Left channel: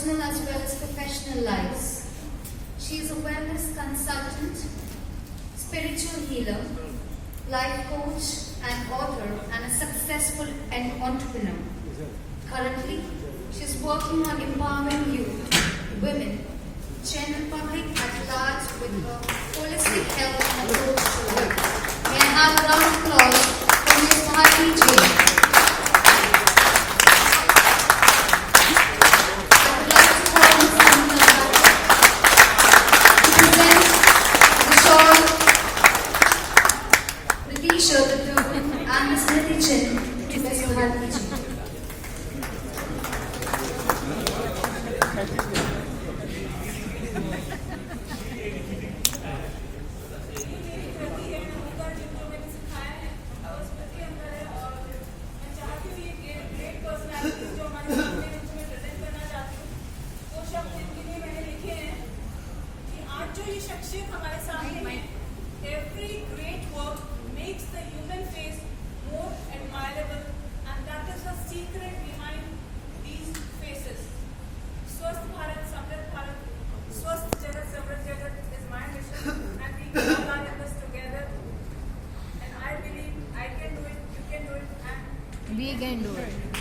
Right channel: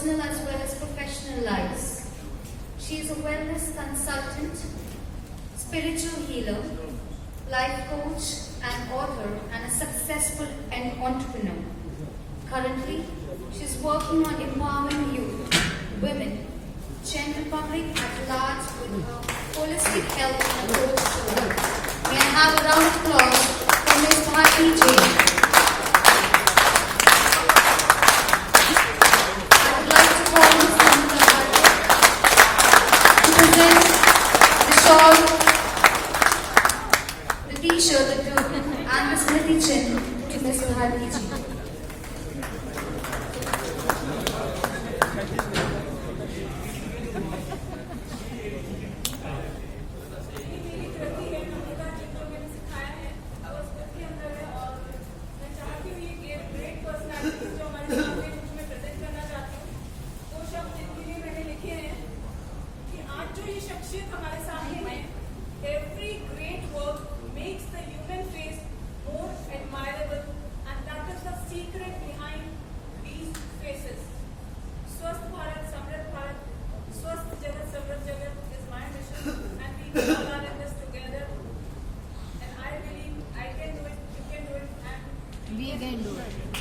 personal as well as professional lives. She is a wellness consultant, spiritual healer, life coach and author, and a successful entrepreneur. Currently, she is working on empowering youth, women, general public at large with a holistic health approach to life. May I have a round of applause for Ms. Bharti Jain. I would like to call Ms. to present the shawl, the t-shirt, the group, and the Smriti Chin to Ms. Bharti Jain. Every great work makes the human face more admirable, and that is the secret behind these faces. Swasth Bharat, Samrit Bharat, Swasth Jagat, Samrit Jagat is my mission, and we all are in this together. And I believe I can do it, you can do it, and We can do it.